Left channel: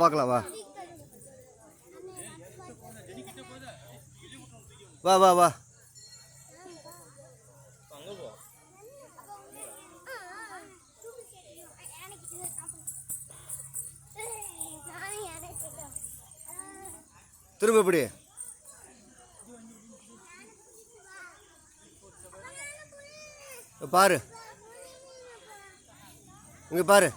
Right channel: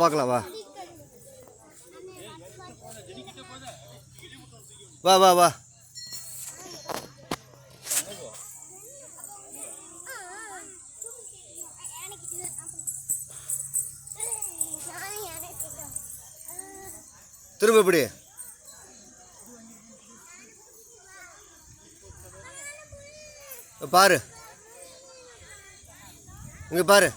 பார்க்கலாம் வா வா வா வா. திரும்ப எப்படி பாரு, இங்க பாரு.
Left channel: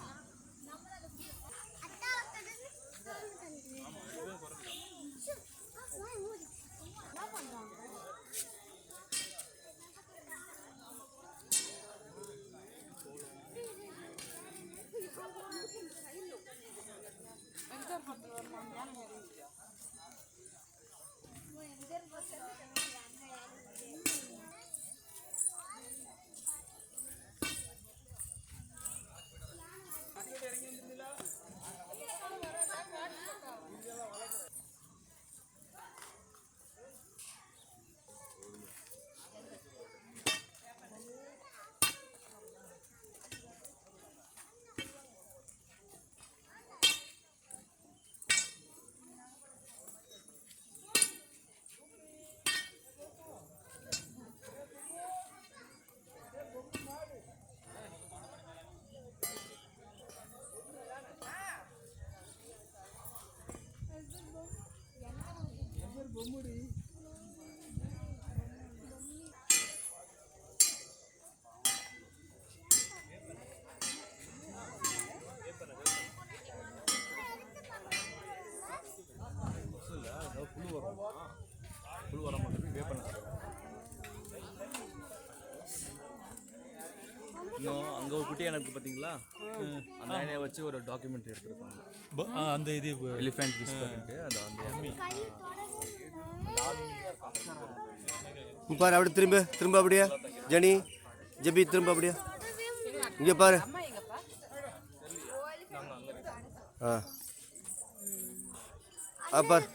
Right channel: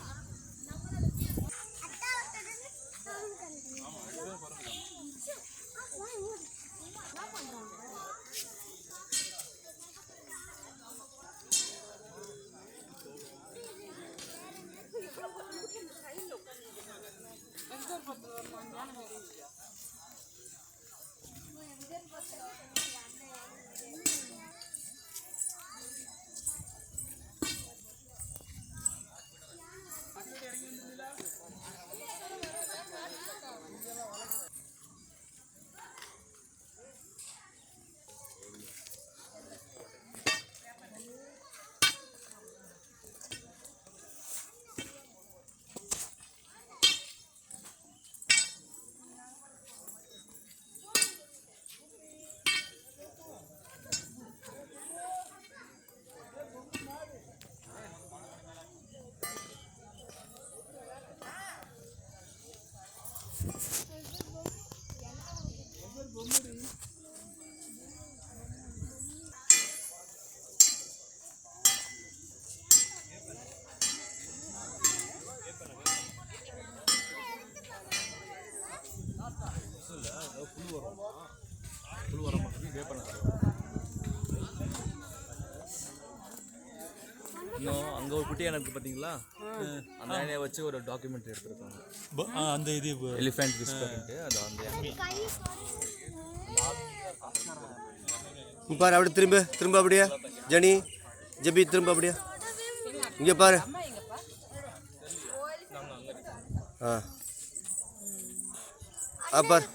அங்கே ஒரு குட்டி எனக்கு பார்த்தீங்களா, அந்த யானையை வச்சு ஒரு டாக்குமெண்ட்ரி எடுத்துருக்காங்க. அந்த இது எலிஃபென்ட் விஸ் பண்ணிட்டு அது அந்த பாரு. அப்படி திரும்ப திரும்ப அப்படியே ஜனி ஜபி திரும்ப அப்படியே இங்கே பாரு. பாரு.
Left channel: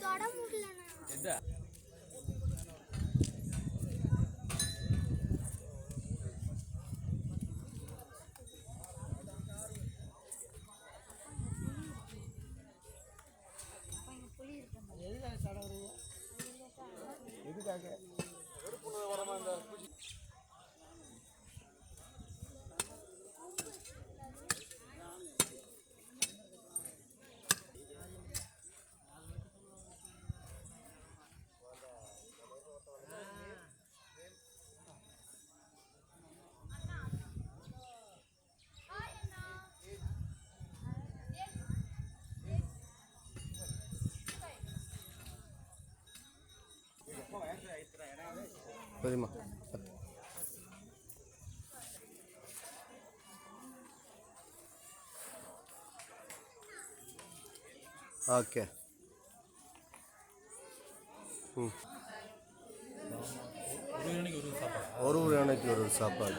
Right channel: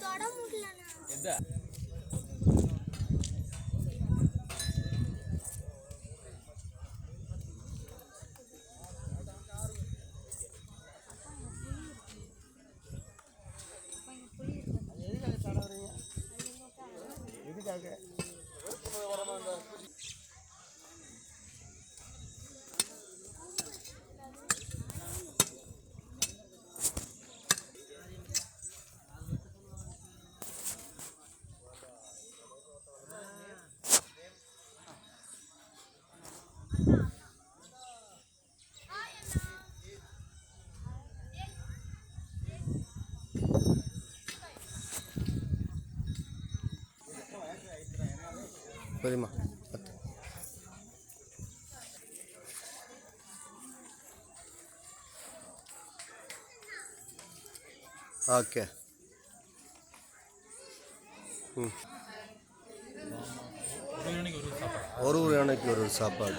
சரிம்மா. ஓகே. ஒரு யானைக்கு ஒரு சாப்பாடு.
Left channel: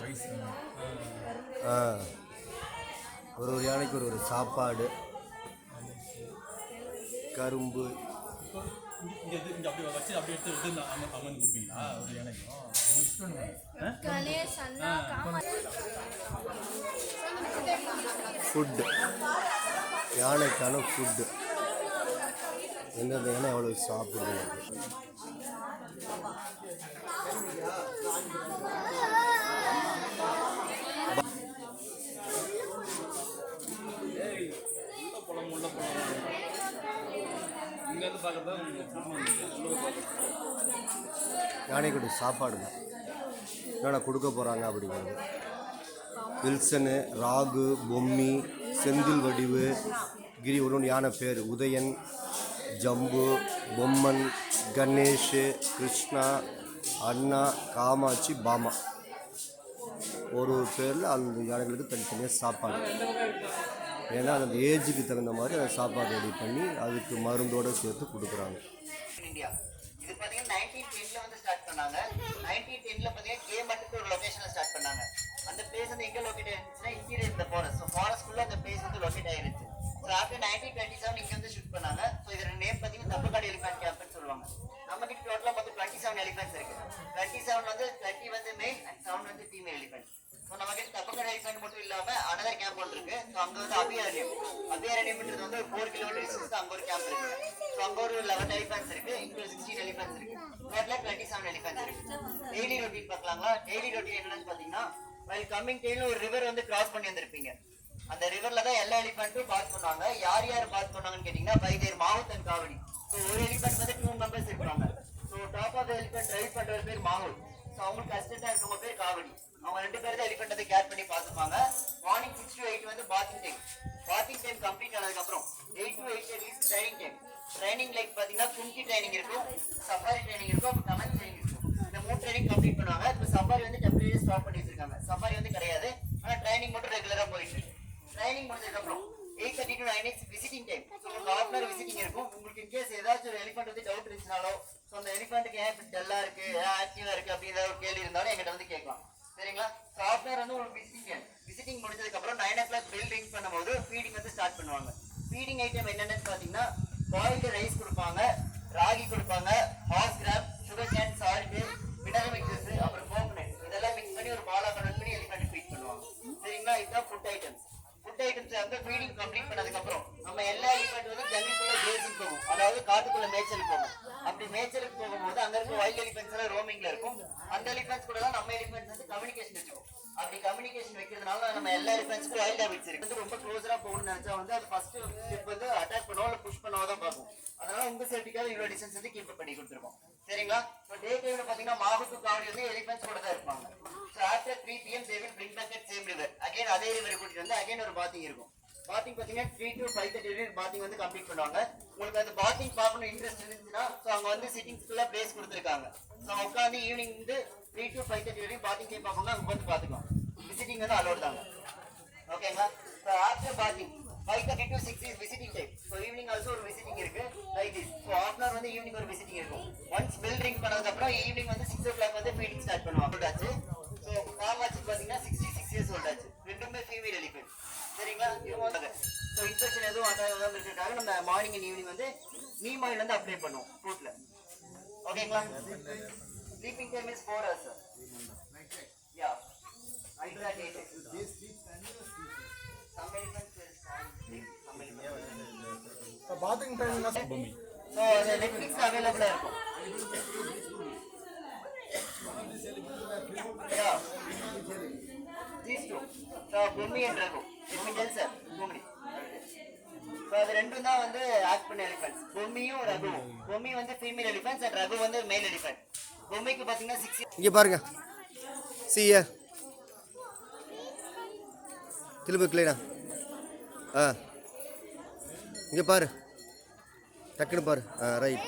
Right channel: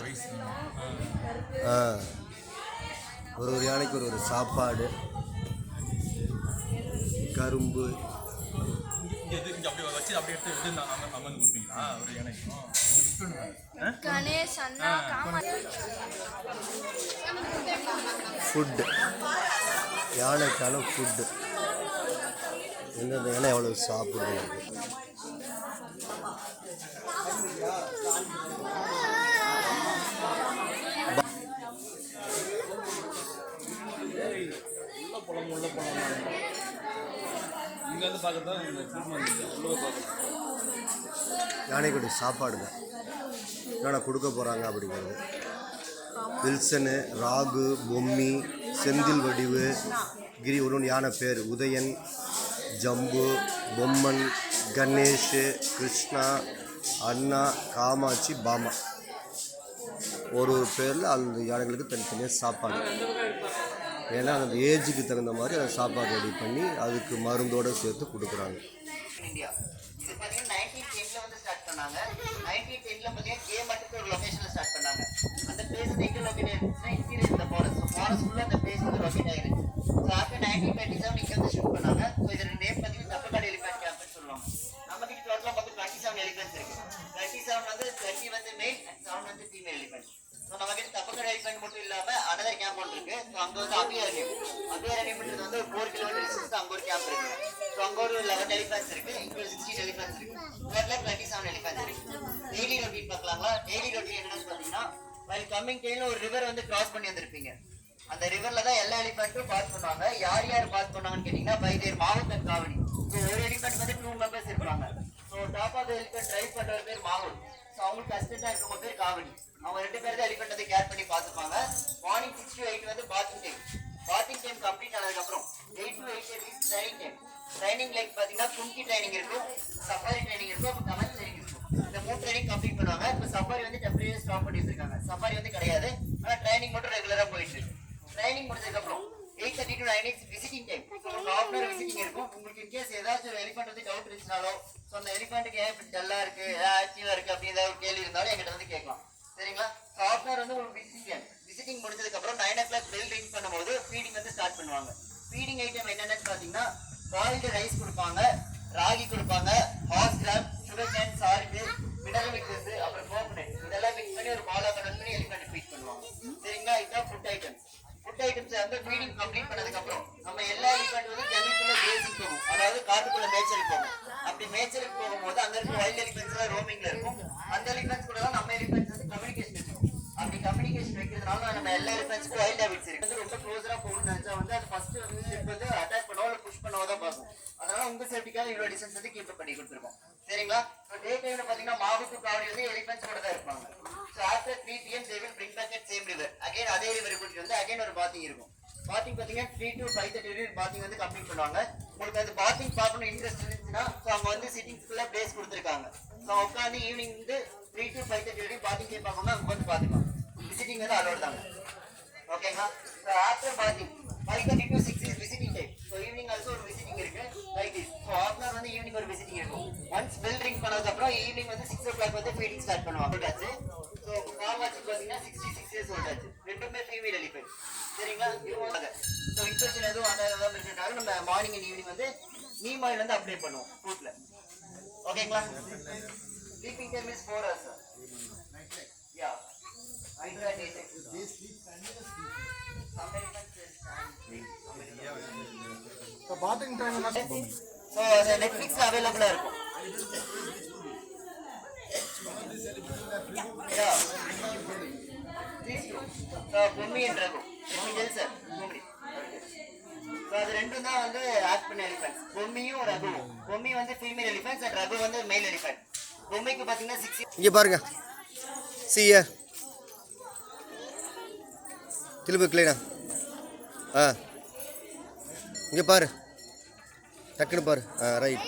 ஒரு யானைக்கு ஒரு சாப்பாடு, கரும்பு. ஃபுட்டு, யானைக்கான ஃபுட்டு எந்தெந்த யானை எவ்வளோ சாப்பிடுது. யானைக்குடி சாப்பாடு தான் என்னென்ன கொடுக்க போகிறாங்க அப்படிங்கிறது. வில்சனு, ராகு, பொம்மி, செந்தில் வடிவு, கிரி, ஒன்று யானை பேர் உதயன், ஜம்பு, பொம்மன், கணேஷ், கிருஷ்ணா, அண்ணா, காமாட்சி, பாமா. ஒரு பேரில் அந்த யானைகளுக்கு தனித்தனியாக சாப்பாடு. ஏன்னா அந்த ஏஜுக்கு தகுந்த மாதிரி அந்த சாப்பாடு ரெடி பண்ணி அதுக்கு மருந்தோடு சேர்த்து கொடுக்குறாங்க. இது பார்த்தீங்கன்னா 1910 வந்து ஸ்டார்ட் பண்ணாங்க. 1910 பார்த்தீங்கன்னா கேமட்டுக்கு ஒரு லொகேஷனில் ஸ்டார்ட் பண்ணாங்க. அந்த பிளேஸ் வந்து எங்கே லொகேட் ஆயிருச்சுன்னா இன்டீரியர் இந்த ஃபாரஸ்ட். ஸோ ஃபாரஸ்ட்குள்ளே அந்த பிளேஸ் வந்து லொகேட் ஆயிருச்சு. ஸோ ஆஃப்டர் 1927 இங்கே வந்து ஷூட் பண்ணாங்க. ஸோ இதோட நேம் பார்த்தீங்கன்னா தப்பக்காடு எலிஃபென்ட் கேம்ப்னு சொல்லுவாங்க. நம்ம கிட்ட டோட்டலாக பார்த்து 27 எலிஃபென்ட்ஸ் இருக்கு. 27 வந்து 20 வந்து மேல் அண்ட் 7 வந்து ஃபீமேல் எலிஃபென்ட். ஸோ நம்ம கிட்ட தப்பக்கரை எலிஃபென்ட் மட்டும் இல்லாம அனதர் கேம்ப் ஒன்று இருக்கு. ஸோ அங்க வந்து அபியாரண்யம் வந்து 4 கிலோமீட்டர் டிஸ்டன்ஸ் அங்க ஒரு கேம்ப் இருக்கு. ஸோ அங்க ஒரு 11 எலிஃபென்ட்ஸ் இருக்கு, இங்க ஒரு 16 எலிஃபென்ட்ஸ் இருக்கு, டோட்டலா 27 எலிஃபென்ட்ஸ் இருக்கு. டெய்லி ரொட்டீன் பார்க்கலாங்களா? டெய்லி ரொட்டீன் என்னன்னு பாத்தீங்கன்னா, வைல் கம்மிங் டைம்ல ஒரு ரிவர் வந்து கிராஸ் பண்ணி வந்திருப்பீங்க. அந்த ரிவர்ல தான் எல்லா எலிஃபென்ட்டும் பாஸ் பண்ணுவாங்க. யார் யார் பாஸ் பண்ணாங்கன்னு கேட்டீங்கன்னா, by their mahout and kavadi. So ஒரு எலிஃபென்ட் வந்து 2 மெம்பர்ஸ் இருப்பாங்க. So top of elephant drive பண்ற பேர் மாவுத். ஸோ அவங்களுக்கு அசிஸ்டண்டா இருக்கவங்க பேர் காவடி. அவங்க 2 பேர் தான் எலிஃபென்ட் வந்து கேர் பண்ணி பார்த்துப்பாங்க. மார்னிங் 6 to 8 வந்து bathing time. Bathing time complete ஆனதுக்கு அப்புறம் 8 to 8:30 is training time. Training like பாத்தீங்கன்னா கும்கி ட்ரைனிங் இருக்கும், சஃபாரி ட்ரைனிங் இருக்கும், அப்புறம் கமெண்ட் ட்ரைனிங் இருக்கும். இந்த 3 ட்ரைனிங் கம்ப்ளீட் பண்ணுவாங்க. இப்போ சஃபாரி வந்து டெம்பரரியா ஸ்டாப் பண்ணி வச்சிருக்காங்க. சஃபாரி வந்து கிடையாது, ஆனா ட்ரைனிங் மட்டும் ரெகுலரா போயிட்டு இருக்கு. ட்ரைனிங் முடிஞ்சதுக்கு அப்புறம் 8:30 to 9 இஸ் விசிட்டிங் டைம். உங்களுக்கு ஹாஃப் அன் ஹவர் விசிட்டிங் இருக்கும். உங்களுக்கு இன் கேஸ் ஏதாச்சும் ஒரு எலிஃபென்ட் வந்து டவுட் இருந்துச்சுனாலோ, ஸோ அந்த எலிஃபென்ட்டுக்கு ஏன் இப்படி டல்லா இருக்கு, ஏன் ஆக்டிவா இருக்கு அப்படி ஏதாவது ஒரு கேள்வி இருந்தாலும் எங்கிட்ட வந்து கேட்கலாம். சரிங்களா? ஸோ ஹாஃப் அன் ஹவர் வந்து உங்களுக்கு விசிட்டிங் டைம். விசிட்டிங் முடிஞ்சதுக்கு அப்புறம் 9 o'clock பெல் ரிங் பண்ணும்போது ஃபீடிங் வந்து ஸ்டார்ட் பண்ணுவாங்க. ஃபீடிங் ஐட்டம் என்னென்னு பார்த்தீங்கன்னா, பாயில்டு ரைஸ் கொடுப்பாங்க, ராகி கொடுப்பாங்க, horse gram, sugar cane, salt, mineral mixes, அப்புறம் கோகனட் இதெல்லாம் மிக்ஸ் பண்ணி ஒரு பாலா கனெக்ட் பண்ணி எலிஃபென்ட் ஃபீட் பண்ணுவாங்க. சரிங்களா? இதுதான் ஃபுட் ஐட்டம்ஸ். ஃபுட் ஐட்டம்ஸ் வந்து ஃபீடிங் கம்ப்ளீட் பண்ணதுக்கு அப்புறம் நம்ம எல்லா எலிஃபென்ட் வந்து ஜங்கிள்குள்ள கிரேசிங் போகும், அதாவது காட்டுக்குள்ள மேய்ச்சலுக்கு போகும். அப்படி மேய்ச்சலுக்கு போகும்போது அங்க இருக்க வைல்ட் எலிஃபென்ட்ஸ் எல்லாம் ரோமிங்ல இருக்கும். அந்த எலிஃபென்ட்ஸ் கூட தான் நம்ம எலிஃபென்ட்ஸ் வந்து கம்யூனிகேஷன் இருக்கும். அப்படி கம்யூனிகேஷன் வைக்கிறதுனால நம்ம எல்லா எலிஃபென்ட்ஸ்க்கும் வைல்ட் ஹேபிட்ஸ் இருக்கு. வந்து ரொம்ப க்ளோஸரா போகணும்னு நினைச்சா வந்து அது ஃபர்ஸ்ட் ஸ்டெப் வந்து அட்டாக் பண்ணவோ இல்லை புஷ் பண்ணவோ தான் பார்க்கும். அதனால உங்க சேஃப்டிக்காக இவ்வளோ டிஸ்டன்ஸ் வந்து கீப் பண்ணி கொடுத்துருக்கோம். சரிங்களா? ஸோ டே டைம்ல பார்த்தீங்கன்னா மாவுக்கு காவடி வந்து எலிஃபென்ட்ஸ் கூட தான் இருப்பாங்க. So after 3 PM they will bring back at same river. Again அதே ரிவர் கூட்டிட்டு வந்து அகைன் ஒரு பாத்திங் இருக்கும். பாத்திங் பார்த்தீங்கன்னா 3 to 5:30 பாத்திங் வந்து கம்ப்ளீட் பண்ணுவாங்க. உங்களுக்கு அந்த பாத்திங் பார்க்கணும் இன்ட்ரெஸ்ட் இருந்துச்சுன்னா ஸோ அவங்க வந்து சிட்டிங்ஸ்க்குள்ள பிளேஸ் கொடுத்துருக்காங்க. ஸோ உட்காந்து ஈவினிங் வந்து 3 to 5:30 வரைக்கும் பாத்திங் டைம் பார்க்கணும்னா அங்கே வந்து பார்த்துக்கலாம். விசிட்டிங் வந்து அலோட் தாங்க. ஓகேங்களா? So after bathing 5:30 to 6 is visiting time. So evening also ஒரு விசிட்டிங் இருக்கு like this. So half an hour வந்து ஈவினிங் ஒரு விசிட்டிங் இருக்கும். ஒன்ஸ் பெல் ரிங் பண்ணதுக்கப்புறம் ஈவினிங் வந்து 6 o'clock வந்து ஃபீடிங் ஸ்டார்ட் பண்ணுவாங்க. ஸோ காவாச்சு பார்த்தீங்கன்னா 66 years old ஆச்சு. ரெண்டுமே ஃபீமேல் எலிஃபென்ட். சரிங்களா? இவங்க ஸோ இன்ஃபெக்ஷன் எதுவும் ஆகாத இருக்கிறதுக்காக நம்ம மார்னிங் அண்ட் ஈவினிங் வந்து நீம் ஆயில் வந்து அப்ளை பண்ணுவோம் ஃப்ரூட்ல. ஓகேங்களா? Sleeping time is 4 hours. Yeah hydrated. Bathing time so Netflix அவைலபிளா இருக்கும். யா these two. So Bommi and Raghu. Bommi sir Bommi. So அது ரெண்டும் தான் வந்து ஆக்ட் பண்ண எலிஃபென்ட்ஸ், பொம்மியும் ரகுவும். பொம்மி வந்து ஃபீமேல் எலிஃபென்ட்ஸ் அண்ட் ரகு வந்து மேல் எலிஃபென்ட். பொம்மிக்கு பார்த்தீங்கன்னா 6 இங்கே பாருங்க. சியா திரும்ப கிளீனா. இங்கே பாரு, டக்குன்னு பாரு. ரைட்.